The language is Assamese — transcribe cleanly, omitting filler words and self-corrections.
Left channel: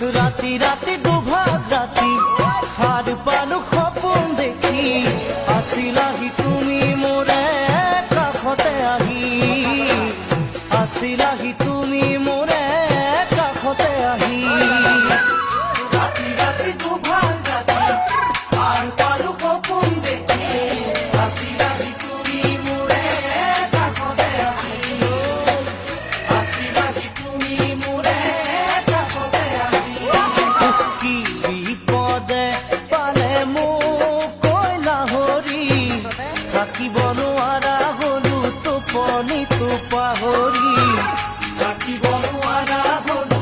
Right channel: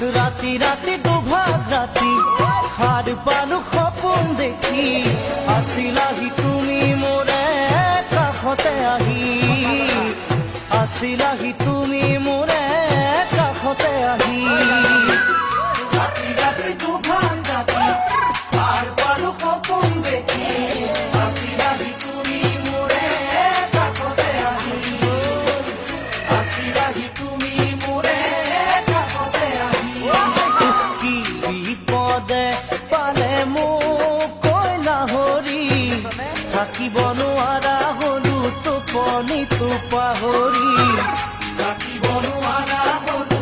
ৰাতি ৰাতি দুভাগ ৰাতি সাৰ পালো সপোন দেখি আছিলাহি তুমি মোৰে কাষতে আহি আছিলাহি তুমি মোৰে কাষতে আহি ৰাতি ৰাতি দুভাগ ৰাতি সাৰ পালো সপোন দেখি আছিলাহি তুমি মোৰে কাষতে আহি আছিলাহি তুমি মোৰে কাষতে আহি কি বিপদে পালে মোক কৈলা হৰি থাকিব নোৱাৰা হলো টোপনিটো পাহৰি থাকিব নোৱাৰা হলো